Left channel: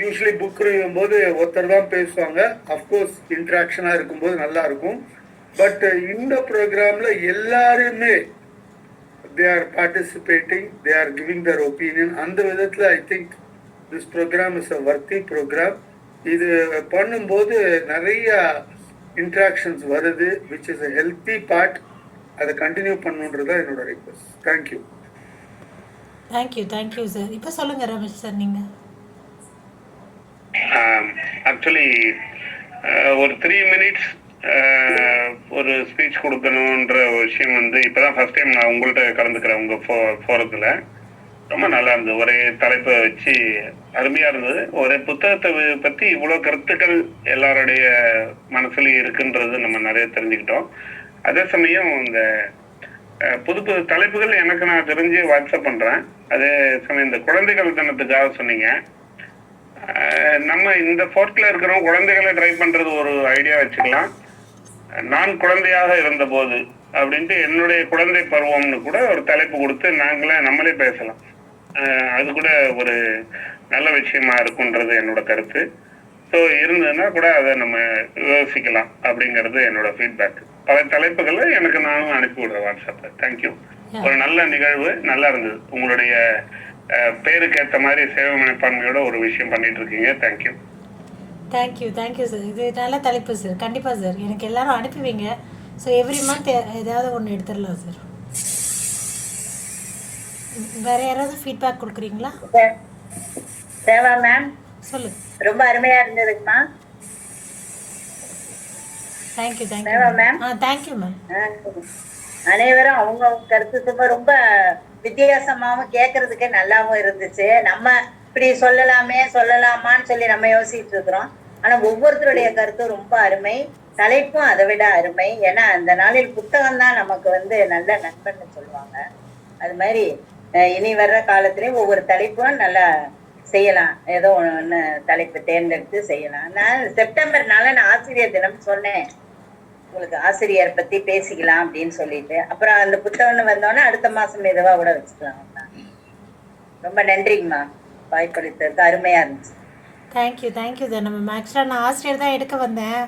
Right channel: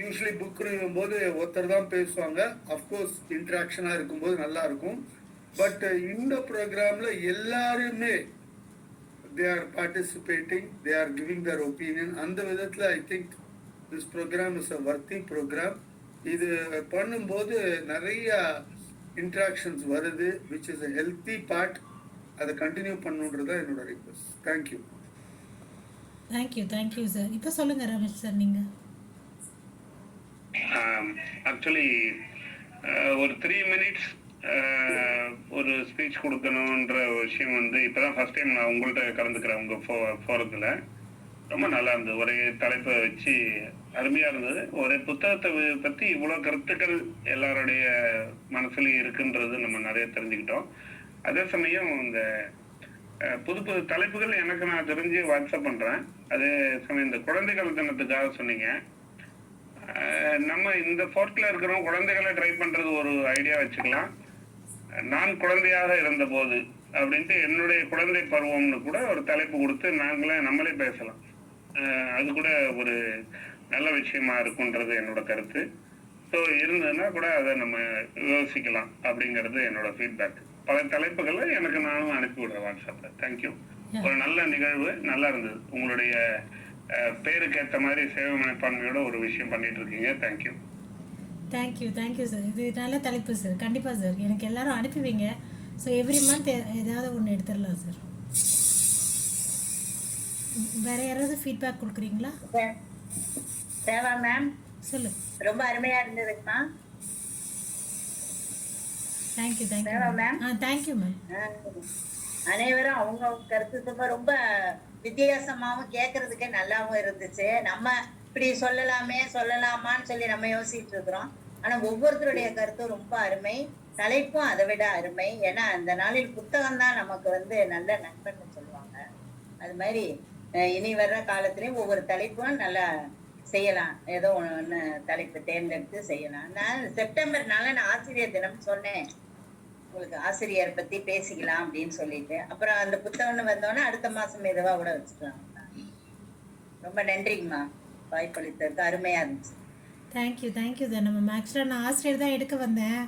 Usually book review போது ஒருத்தர் தான் பேசுவாங்க. அஃப்கோர்ஸ் இன்ட்ராக்ஷனாக இருக்கும்போது நல்லா இருக்கும். பட் இந்த ப்ரோக்ராமில் எல்லாருமே they are participating, they are giving their opinion. அந்த விதத்தில் I think this program is a worthy program. இது பண்ணும்போது நிறைய இன்ட்ராக்ஷன்ஸ் வருது, which is a healthy part. அதை கண்டினியூ பண்ணுன்றது தான் என்னோட ரிக்வஸ்ட். தேங்க்யூ. Thank you sir. இப்போ சொல்லுங்கள் ரமேஷ் சார், நீங்கள். ஆக்சுவலி ஒரு 3 மினிட்ஸ் ஒரு ஸ்பீச் கொடுக்கணுன்ற ஒரு விஷயம் வந்து இப்போதான் ஃபர்ஸ்ட் டைம் நான் உங்கள்கிட்ட கலந்துக்கிறேன். உங்கள் ஃபோரத்தில் ரொம்ப நல்லா இருந்தது. ஒரே தலைப்பை வச்சு அருமையாக இருந்தது. ஒரு புத்தகத்தை பற்றி இவ்வளோ கருத்துக்கள் எல்லாருடைய மனசுலையும் இருக்குன்றது நம்ம நிறைய தெரிஞ்சுக்கிட்டோம். அதே சமயம் இந்த புது புது தலைப்புகள் எனக்கு நான் தெரிஞ்சு வாட்ஸ்அப் பண்ணுறேன். அதே சமயம் இந்த குழந்தைகள் தினத்துக்காக சொன்னீங்க. நம்ம இந்த ஃபோர்ட்டில் இருக்கிறோம், குழந்தைகளை ட்ரை பண்ணுறது ஒரு ஐடியா வச்சுக்கலாம். நான் குழந்தையாக இருந்தபோது அப்படின்ட்டு என்னுடைய குழந்தை பருவம்னு கூட ஒரு தலைப்பு கொடுத்து நம்மளே பேசலாம். அது கூட ஒரு நல்ல விஷயமா இருக்குன்றது என்னோட கருத்து. ஸோ இருந்ததுன்னா கூட அதை நம்ம யோசிக்கலாம் அப்படிங்கிறது என்னோட ஃபீட்பேக். பல தலைப்புகளை எனக்கு நானும் அனுப்பி விடுறேன் வாட்ஸ்அப்பில். தேங்க்யூ. ஒரு நல்ல நிகழ்வு, நல்லா இருந்தது. உங்களுடைய பேருக்கு ஏற்ற மாதிரி சேவை மனப்பான்மையோட ஒரு விஷயம் பண்ணிட்டு இருக்கீங்க. Thank you sir. இது நல்ல தலைப்பு சார். கண்டிப்பாக சார், எனக்கு எல்லாரும் அனுப்புவீங்க. ஸோ எவ்ரி மந்த் ஏதாவது ஒன்று எடுத்துடலாம் சார். வேற யாராவது ஃபீட்பேக் கொடுக்குறீங்களா? தேவா மேம் சொல்லுங்க. ரொம்ப அருமையா இருந்ததுங்கம்மா. Thank you ma'am. Thank you ma'am. அனைவரும் அவங்க கருத்து ரொம்ப வித்தியாசமாவும் கேட்கறதுக்கே நல்லாவும் இருந்துச்சு. நம்ம இப்படி சொல்லலாமான்னு சொல்லி நம்ம யோசிச்சுட்டு இருக்கிறோம். ஆனா ஒவ்வொருத்தருடைய கருத்தும் ரொம்ப அருமை, தலைப்பும் அதை விட அருமை. ஏன்னா அந்த நாளில் புத்தகம் தான் நமக்கு நல்ல நண்பன்னு சொல்லுவாங்க. அது மாதிரி இனி வர்ற காலத்திலயும் ஒவ்வொரு தலைப்பும் நல்லா செய்யலாம். ஏதோ ஒன்று தலைப்பு தேர்ந்தெடுத்து செய்யலாம். நான் செப்டம்பர்னால நான் ஆசிரியர் தினம் சொன்னேன், உங்களுக்கு ஆசிரியர் பத்தி பேசிக்கலாம் அப்படின்னு சொல்லிட்டு. அப்புறம் அந்த புத்தகம்னு வந்தோன்னா அடுத்த மாசம் மெதுவா கூட வச்சுக்கலாம். ரொம்ப நன்றிங்கம்மா, வாய்ப்பளித்ததுக்கு அருமையா இருந்துச்சு. Thank you sir. நம்ம ஆக்சுவலாக நான் ஆசிரியர் தான் எடுக்க வந்தேன்.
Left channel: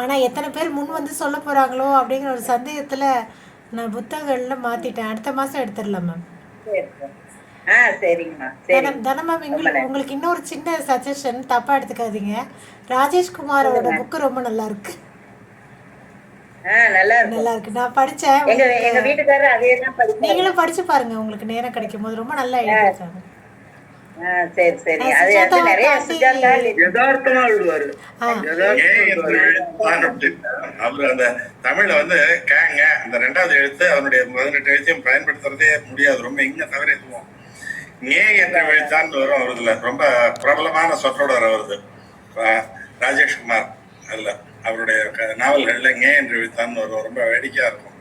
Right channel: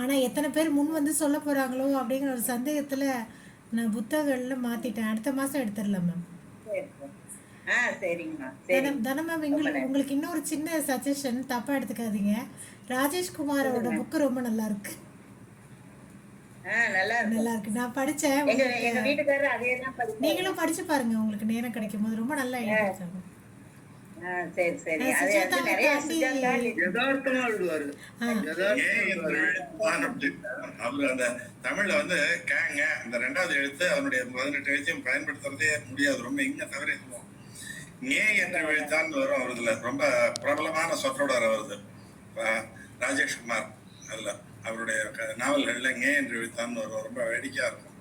ஆனால் எத்தனை பேர் முன் வந்து சொல்ல போகிறாங்களோ அப்படிங்கிற ஒரு சந்தேகத்தில் நான் புத்தகங்களில் மாற்றிட்டேன். அடுத்த மாதம் எடுத்துடலாம் மேம். சரிங்கம்மா. தனமா உங்களுக்கு இன்னொரு சின்ன சஜஷன், தப்பாக எடுத்துக்காதீங்க. ராஜேஷ்குமாரோட புக்கு ரொம்ப நல்லா இருக்கு. நல்லா இருக்கு. நான் படிச்சேன். எங்க வீட்டுக்காரர் அதே தான் படிச்சாரு. நீங்களும் படிச்சு பாருங்க, உங்களுக்கு நேரம் கிடைக்கும் போது. ரொம்ப நல்லா எழுதிருக்காங்க. சரி. அது நிறைய யதார்த்தமா எழுதுவாரு. அவரு அந்த தமிழ்ல கேங்க அந்த 2வது எழுத்து அவனுடைய 18 எழுத்தையும் பயன்படுத்துறதே முடியாது. ரொம்ப இங்க தவறிடுவோம். ஏ என்ற எழுத்தான் வரும் அவருதுல. ரொம்ப பிரபலமான சொற்றொடர் வருது ராஜேஷ்குமார். அல்ல அவருடைய நாவல்கள்ல ஏ என்று எழுத்தான் வரும். ரொம்ப வேடிக்கையா இருக்கும்.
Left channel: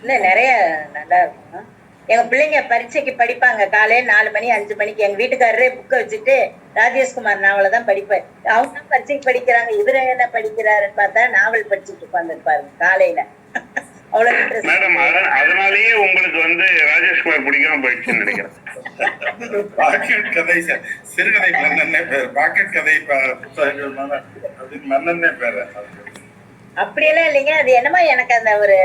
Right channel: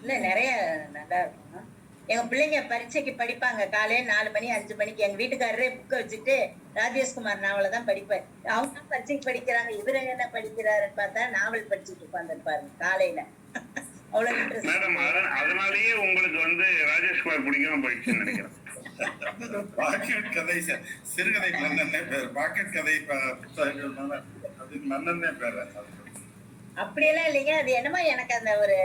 இல்ல நிறைய நல்லா இருக்கும். எங்க பிள்ளைங்க பரீட்சைக்கு படிப்பாங்க. காலையில 4 மணி 5 மணிக்கு எங்க வீட்டுக்காரரே புக்கை வச்சுட்டு ராஜேஷ்குமார் நாவலை தான் படிப்பேன். அவங்க தான் பரீட்சைக்கு படிக்கிறாங்க, இவரு என்ன படிக்கிறாருன்னு பார்த்தா நாவல் படிச்சுட்டு உட்காந்துருப்பாரு காலையில. அவ்வளவு இன்ட்ரெஸ்ட். அதனாலேயே உங்களுக்கு ராஜேஷ்குமார் பிடிக்காம போயிடுச்சுன்னு நினைக்கிறேன். பாக்கெட் கதை, சிறுகதை மன்னன்னே பேர். பாக்கெட் கதை புத்தகங்கள் அதுக்கு மன்னன்னே பேரு. அப்படியெல்லாம் இல்லைங்க. அது என்னமோ எனக்கு அந்த ஒரு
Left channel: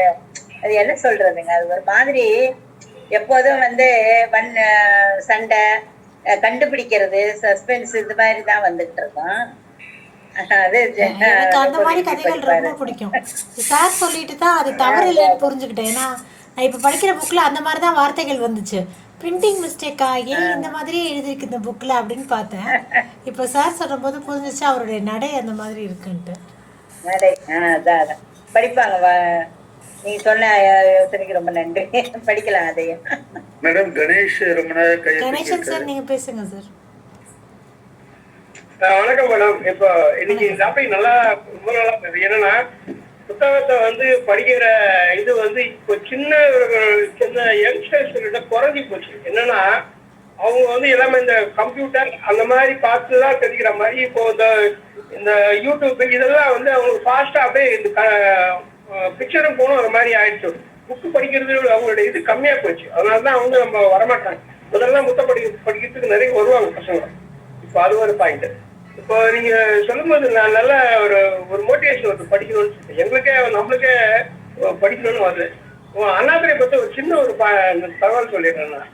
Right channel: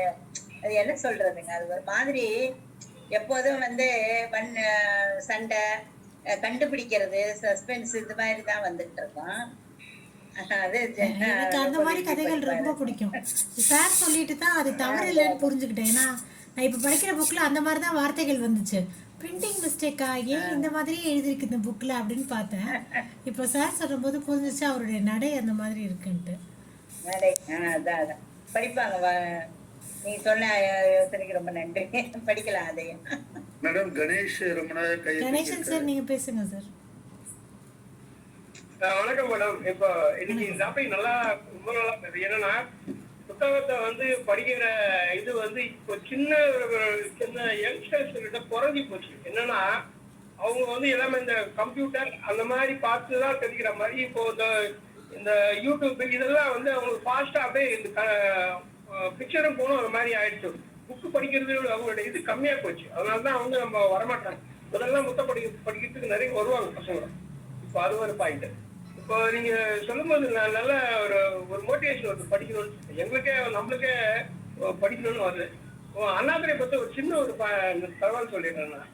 அது என்ன சொல்றதுங்க, அது ஒரு மாதிரி எப்போதும் சண்டை கண்டுபிடிக்கிறது, சஸ்பென்ஸ் இது மாதிரி தான் வந்துட்டு இருக்கோம். எனக்கு அந்த மாதிரி கதைகள் ரொம்ப பிடிக்கும். சார் சொல்லிட்டு தான் அது தவறு இல்லைன்னு புரிஞ்சுக்கிட்டேன். ஏன்னா நான் இப்போ படிக்கிற புக்கில் அந்த மாதிரி தான் வார்த்தைகள் வந்துச்சு. பிரிண்டிங் மிஸ்டேக் ஆகி இந்த மாதிரியே எழுதிருக்கு இந்த புக்கில் அப்படின்னு பார்த்தேன். இப்போ சார் சொல்லும் போது புரிஞ்சிச்சு அவருடைய நடை அந்த மாதிரி இருக்குன்ட்டு. நடை அதான் படிப்பாங்க. நீங்க சொன்ன யோசனைக்கு ரொம்ப நன்றி. படிக்கலாம் அதையும். மேடம் கணேஷ் ரொம்ப கணேசன் சார் நீங்க பேசுங்க சார். வணக்கம் மேடம். இப்போ இன்னைக்கு இந்த டாபிக் நல்லா ரொம்ப நல்லா பேசுது. என்னன்னா புத்தகத்தை படிக்கிற இது இப்போ சின்ன யங்ஸ்டர்ஸ் குறைஞ்சி போச்சு. என்னன்னா அவங்க எல்லாமே இந்த கம்ப்யூட்டர் அந்த மாதிரி பார்த்து தான் தெரிஞ்சுக்கிற மாதிரி இப்போ இந்த யூடியூப் இதெல்லாம் அவங்களுக்கு ஃபாஸ்டா அப்படியே இந்த பிக்சரும் போகணும் ஒரு மாதிரி ஆயிடுச்சு. புக்கு படிக்கிறது அவங்களோட இது கம்மியா போச்சு. அதனாலதான் நம்ம வரமாட்டாங்க. முதல்ல புத்தகம் படிக்கிறதுக்கு நிறைய வருவாங்க பசங்க. இப்போ அது ஒரு பாயிண்ட். இப்போ நீங்க சொல்லும்போது நான் நல்ல ஒரு ஒரு மோட்டிவேஷன் வருது படிக்கணும்னு சொல்லிட்டு. எங்களுக்கே நம்மளுக்கே படிக்கணும்னு வருது. அண்ணாதுரை பத்தி ஒரு சின்ன ஒரு தகவல் சொல்லிடுறேன் நான்.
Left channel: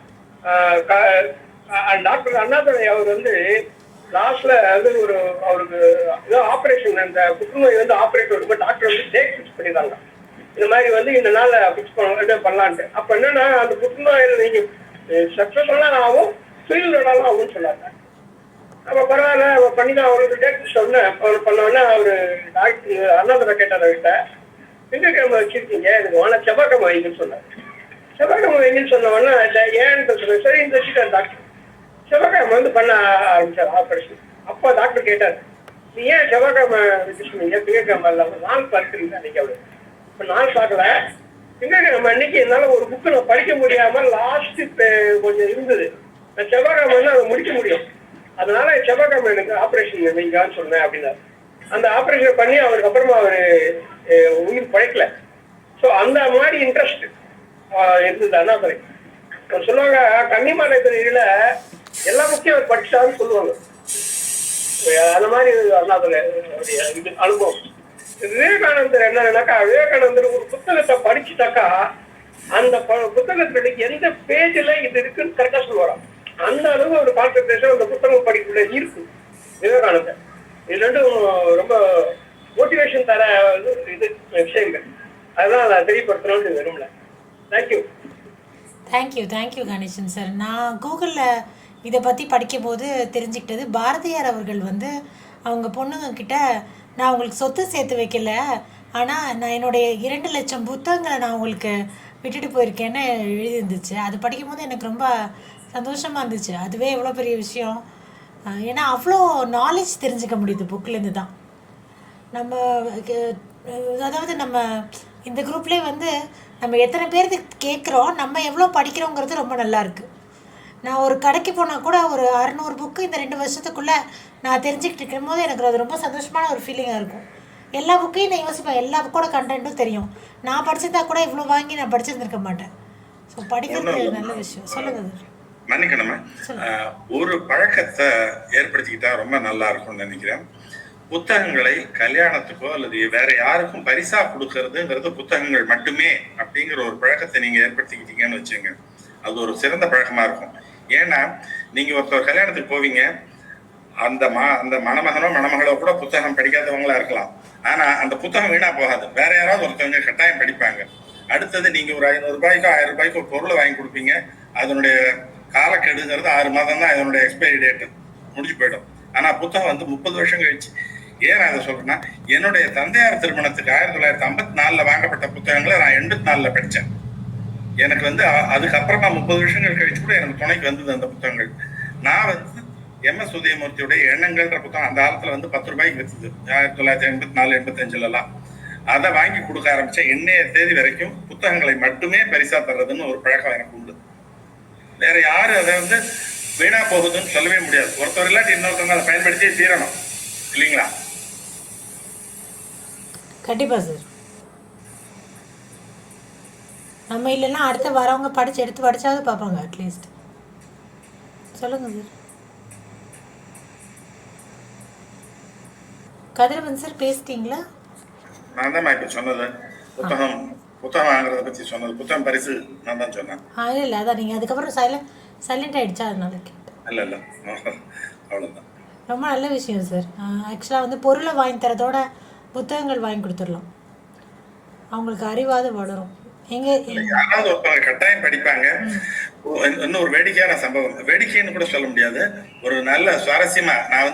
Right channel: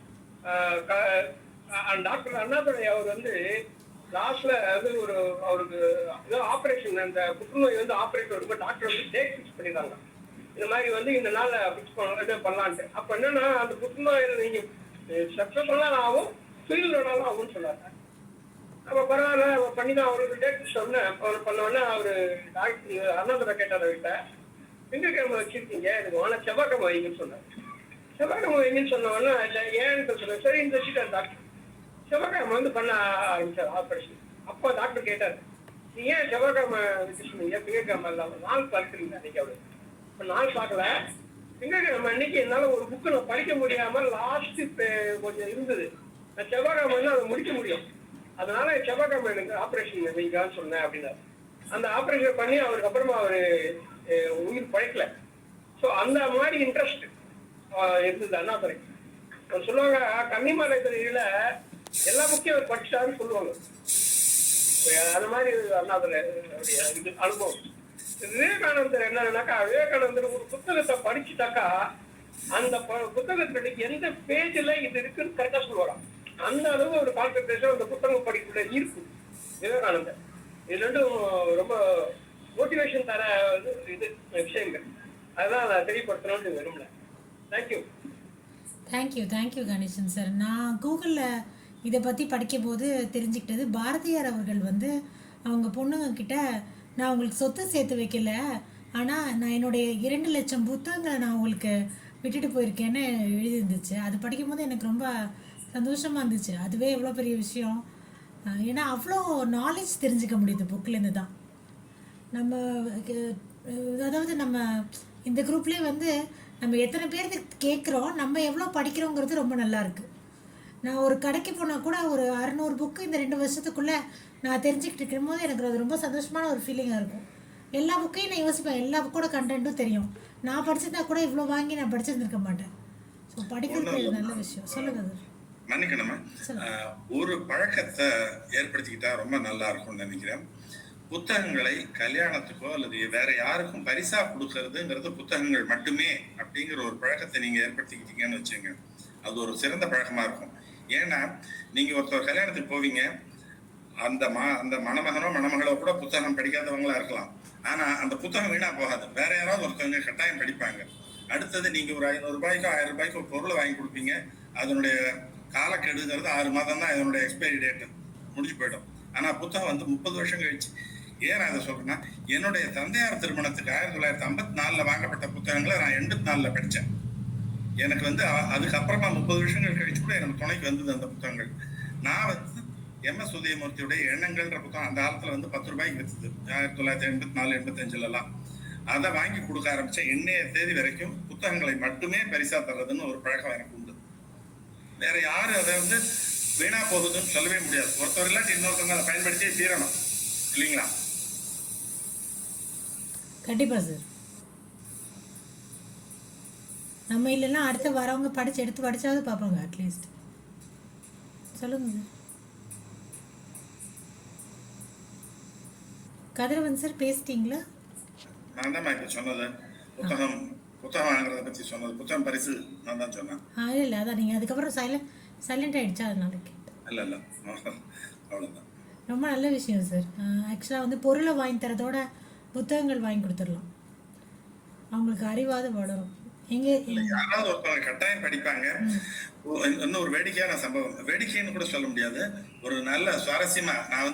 டாக்டர் அண்ணாதுரை அவர் வந்து லாஸ்ட்ல அது ஒரு அவருக்கு ஏதோ ஆப்ரேஷன் அந்த புற்றுநோய் வந்து ஆப்ரேட் வரும்போது டாக்டர் வந்து டேட் ஃபிக்ஸ் பண்ணிடுறாங்க. இந்த மாதிரி வந்து இந்த நாள் ஃபிக்ஸ் பண்ணலான்ட்டு. அப்ப என்னன்னா அந்த புற்றுநோயில் நீங்க சக்சஸ்ஃபுல்லா ஆகும், ஃபெயில்டாலும் ஆகும்னு சொன்னாங்க. அப்ப பரவாயில்ல பண்ணிதான் அவருக்கு டேட் சொன்னேன். அவர் பண்ணோடனே அவரு டாக்டர் அண்ணாதுரை கேட்டார் அவர்கிட்ட, திங்கக்கிழமை வச்சிருக்கீங்க, எனக்கு வேணா செவ்வாய்க்கிழமை வைங்கன்னு சொன்னார். செவ்வாய்க்கிழமை வைங்கன்னு சொன்ன உடனே ஏன்னு சொல்றேன். சரி இந்த வச்சுட்டார் டாக்டர். செவ்வாய்க்கிழமை வந்து பண்ண ஆரம்பிச்சார் ஆப்ரேஷன். அப்போ டாக்டர் கேட்டார், நீ ஏன் செவ்வாய்க்கிழமை வச்சு சொன்னீங்க, திங்கக்கிழமை இல்லை நாள் பார்க்குறீங்க அன்னைக்கு அவரு. இப்போ நாள் பார்க்கல, திங்கக்கிழமை அன்னைக்கு என்னால ஒரு புக்கு நான் படிக்க முடியாம லாஸ்ட் கொஞ்சம் இருந்தது. நான் செவ்வாய்க்கிழமை வந்து அதை முடிக்க முடியும், அதனால செவ்வாய்க்கிழமை எனக்கு ஆப்ரேஷன் வைங்கன்னு சொன்னேன் அப்படின்னாரு. அந்த ஆப்ரேஷன் பண்ணி அவருக்கு அப்புறமா அவரு உயிர் பழைக்கல. ஸோ அந்த மாதிரி இன்ட்ரெஸ்ட் இருந்தது அண்ணாதுரை. சொல்லுவாங்க கன்னிமாலை துறையில எல்லா புக்கையும் அவர் படிச்சாருன்னு சொல்லுவாங்க. அந்த மாதிரி அண்ணாதுரை இது அனுபவம். விவேகானந்தர் என்னன்னாக்கா, விவேகானந்தர் ஒரு புத்தகத்தை படிச்சுட்டாக்கா அந்த புத்தகத்துல எந்த பேஜ்ல இது இருக்குன்னு கரெக்டா சொல்லுவாராம். அந்த அளவு ஒரு கான்சென்ட்ரேஷன் அந்த புத்தகம் படிப்புல இருக்கு விவேகானந்தர். இது ரெண்டும் ரொம்ப மோட்டிவேஷன் தர இது விஷயங்கள். அதுதான் நான் தெரியப்படுத்தணும்னு விரும்பல. தேங்க்யூ. Thank you Ganesan sir. நான் கூகுளில் இதை பற்றி படிக்கும்போது தெரிஞ்சுக்கிட்டது, பாரதியார் அவர்கள் வந்து அவங்க பொண்ணுங்க கிட்ட, நான் உங்களுக்கு சொத்து சேர்த்து வைக்கல, ஆனால் நான் என்னுடைய 2 லட்சம் புத்தகங்களை நான் உங்களுக்கு விட்டுட்டு போயிருக்கேன்னு எழுதியிருந்துச்சு. அது படிக்கும்போது எனக்கு ரொம்ப சந்தோஷமாக இருந்துச்சு. அதுவே எவ்வளோ பெரிய விஷயம். ஏன்னா அவ்வளோ நாலேஜ் தெரிஞ்சுக்க முடியுது புக்கிலேருந்து தான். நம்ம அதாவது நம்ம இந்த குரூப்லேயே வந்து நம்ம எத்தனை பேருக்கு கேட்குறோம், நம்ம எவ்வளோ படிக்கிறோங்கிறது ரொம்ப நல்லாயிருக்கு. நான் ஒரு கடைக்கு போனால் கூட ஒரு 600 புக்கு இந்த 2 வருஷத்துக்குள்ளே நான் தெரிஞ்சுக்கிட்டு இருக்கும் போது எனக்கு அது ரொம்ப சந்தோஷமான ஒரு ஃபீலிங்காக இருக்கும். எல்லா புக்கையும் நான் யோசிப்பேன், எல்லா புக்கோட கண்டென்ட்டும் தெரியும். நான் படிச்சிருந்தா கூட இவ்வளோ வாங்கி நான் படிச்சிருந்துருக்க மாட்டேன். ஸோ படிக்கிறது நல்ல விஷயம். சொல்லுங்கள் சார். மன்னிக்கணுமா, ஒரு பழக்கத்தை ஏற்படுத்திக்கிட்டா ரொம்ப நல்லா இருக்கும்னு நினைக்கிறேன். புத்தகங்களை கல்யாணத்துக்கோ அல்லது வேற யாருக்கும் பரிசா கொடுக்கறதுங்கிறது புத்தகங்கள் மட்டுமே அப்படிங்கிற ஒரு பழக்கத்தை நீங்க ஏற்படுத்திக்கிட்டீங்கன்னு வச்சுங்க, அது ஒரு சிறந்த பழக்கமா இருக்கும். ஏன்னா நீங்க ஒருத்தர் கல்யாணத்துக்கு போவீங்க, அந்த மணமகனோ மணமகளோ கூட புத்தகம் படிக்காதவங்களா இருக்கலாம். ஆனா அந்த புத்தகம் வீணா போகாது, வேற யாராவது ஒருத்தவங்க கட்டாயம் படிப்பாங்க. அடுத்தது நீங்க ஒரு 500 ரூபாய்க்கோ 1000 ரூபாய்க்கோ ஒரு பொருளை வாங்கி கொடுப்பீங்க, அதனுடைய காலக்கெடுங்கிறது 6 மாதம் தான் அதனுடைய எக்ஸ்பைரி டேட் முடிஞ்சு போயிடும். ஆனா புத்தகம் வந்து 30 வருஷம் கழிச்சு. ஏன் நான் அதை சொல்றேன்னா, என்னுடைய தந்தையார் திருமணத்துக்கு 1954 வாங்கப்பட்ட புத்தகங்களை நான் 84 படித்தேன். எனக்கு வந்து அதுக்கப்புறமா 30 வருஷங்கள் கழிச்சு கூட எனக்கு துணைக்கு வந்தது அந்த புத்தகங்கள். நான் வந்து MS உதயமூர்த்தியுடைய எண்ணங்கள்ன்ற புத்தகம் அந்த காலத்துல வந்து 10 ரூபாய்க்கு வித்துது, 1984 85 அதை வாங்கி கொடுக்க ஆரம்பிச்சேன். இன்னைய தேதி வரைக்கும் புத்தகங்களை மட்டுமே பரிசா தர்றதுன்னு ஒரு பழக்கம் எனக்கு உண்டு. வேற யாரும் அதை வந்து வீணா போகுதுன்னு சொல்லவே முடியாது. ஒருத்தர் இல்லாட்டி இன்னொருத்தவங்க அதை பயன்படுத்தியே தீரணும், இல்லைங்களா? கண்டிப்பாக சார். நம்ம இல்லைன்னா அடுத்த வரவங்க எடுத்து படிச்சாவது பார்ப்பாங்க அட்லீஸ்ட். சொல்லுங்கள் சார். கதிரவன் சார் பேசிட்டீங்களா? நான் தான் இப்ப சொன்னது புத்தகம் வாங்குறத பத்தி சொன்னது, புத்தகம் பரிசு நான் தான் சொன்னேன். இல்லை அதான் நீங்கள் அதுக்கப்புறம் சைலண்ட் ஆகிடுச்சா, அதனால கேட்டேன். இல்லை அவ்வளோதான். ரொம்ப நல்ல விஷயம் சார். ஆக்சுவலாக வந்து பொருளை வாங்கி தரதோட புத்தகங்கள் வாங்கி கொடுத்துடலாம், அவங்களுக்கு அறிவாது வளரும். யாராவது ஒருத்தவங்க கட்டாயம் படிப்பாங்க. இன்னும் ஒரு வேடிக்கையான சம்பவம், வேடிக்கைன்னு கூட சொல்ல முடியாது, ஒரு நல்ல சுவாரஸ்யமா, நான்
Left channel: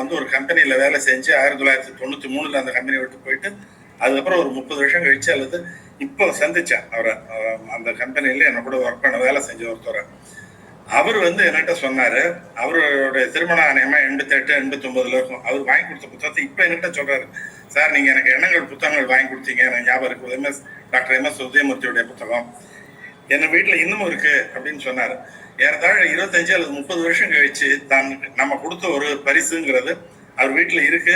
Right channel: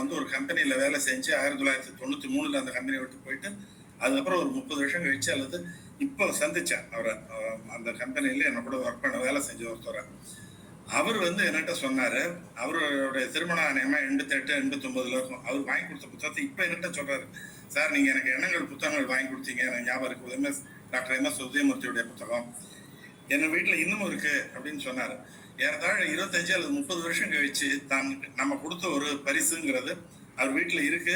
வந்து ஒரு கம்பெனியில வேலை செஞ்சு 1993 அந்த கம்பெனி விட்டு போயிட்டு அதுக்கப்புறம் ஒரு 30 வருஷம் கழிச்சு அல்லது இப்போ சந்திச்சேன் அவரை. அந்த கம்பெனியில என்ன கூட ஒர்க் பண்ண வேலை செஞ்ச ஒருத்தரை. அவர் வந்து என்கிட்ட சொன்னாரு, அவருடைய திருமணம் ஆணையமா 88 89 இருக்கும். அவர் வாங்கி கொடுத்த புத்தகத்தை இப்ப என்கிட்ட சொல்றாரு, சார் நீங்க எனக்கு எண்ணங்கள் புத்தகங்கள் வாங்கி கொடுத்தீங்க, எனக்கு ஞாபகம் இருக்கு, டாக்டர் MS உதயமூர்த்தியுடைய புத்தகம் என் வீட்டுல இன்னமும் இருக்கு அப்படின்னு சொன்னாரு. ஏறத்தாழ 25 அல்லது 30 வருஷம் கழிச்சு நம்ம கொடுத்த ஒரு பரிசுங்கிறது அவர் வீட்டுல இருக்கு,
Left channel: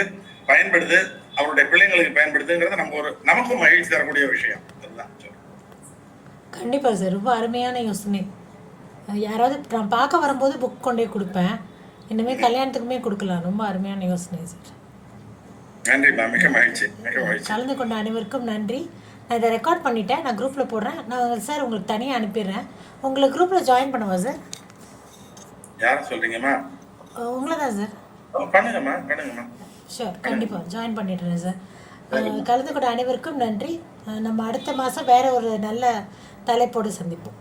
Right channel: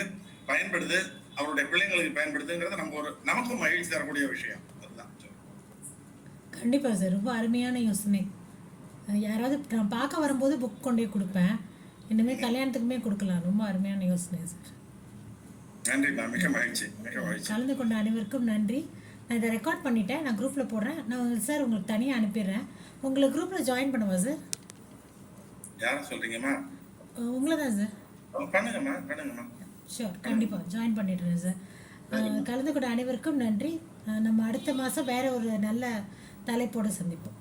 பயன்படுது, அவருடைய பிள்ளைங்களுக்கு பயன்படுதுங்கிறது நமக்கும் மகிழ்ச்சி தரக்கூடிய விஷயம். அதுதான். கண்டிப்பாக சார், ரொம்ப அருமையான யோசனை. யாராவது நான் பார்க்க வரும்போது புக் கொண்டே கொடுப்பேன். இனிமேல் கல்யாணத்துக்குமே கொடுக்கலாம். ரொம்ப அருமையான யோசனை சார். நன்றிம்மா, மிக மகிழ்ச்சி, மிக மகிழ்ச்சி. கலந்து கொண்ட அனைவருக்கும் நன்றி. நான் இதை ரெக்கார்ட் பண்ணிட்டேன், நான் குரூப்பில் போடுறேன். நான் சார் உங்களுக்கு தனியாக அனுப்பிடுறேன். உங்களை குரூப்பில் ஜாயின் பண்ணுவா சார்? யாரை சொல்றீங்கம்மா? உங்களை தான் சார். பண்ணுங்கம்மா, பண்ணுங்கம்மா. ஷூர், கண்டிப்பாக ஜாயின் பண்ணிடுறேன் சார். கலந்து கொண்ட அனைவருக்கும் நன்றி. நம்ம அடுத்த மாதம் வேற ஒரு நல்ல தலைப்போடு சந்திப்போம்.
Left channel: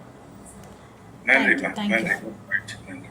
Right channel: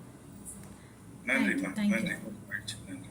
நன்றிம்மா, Thank you. நன்றி, மகிழ்ச்சி, நன்றி.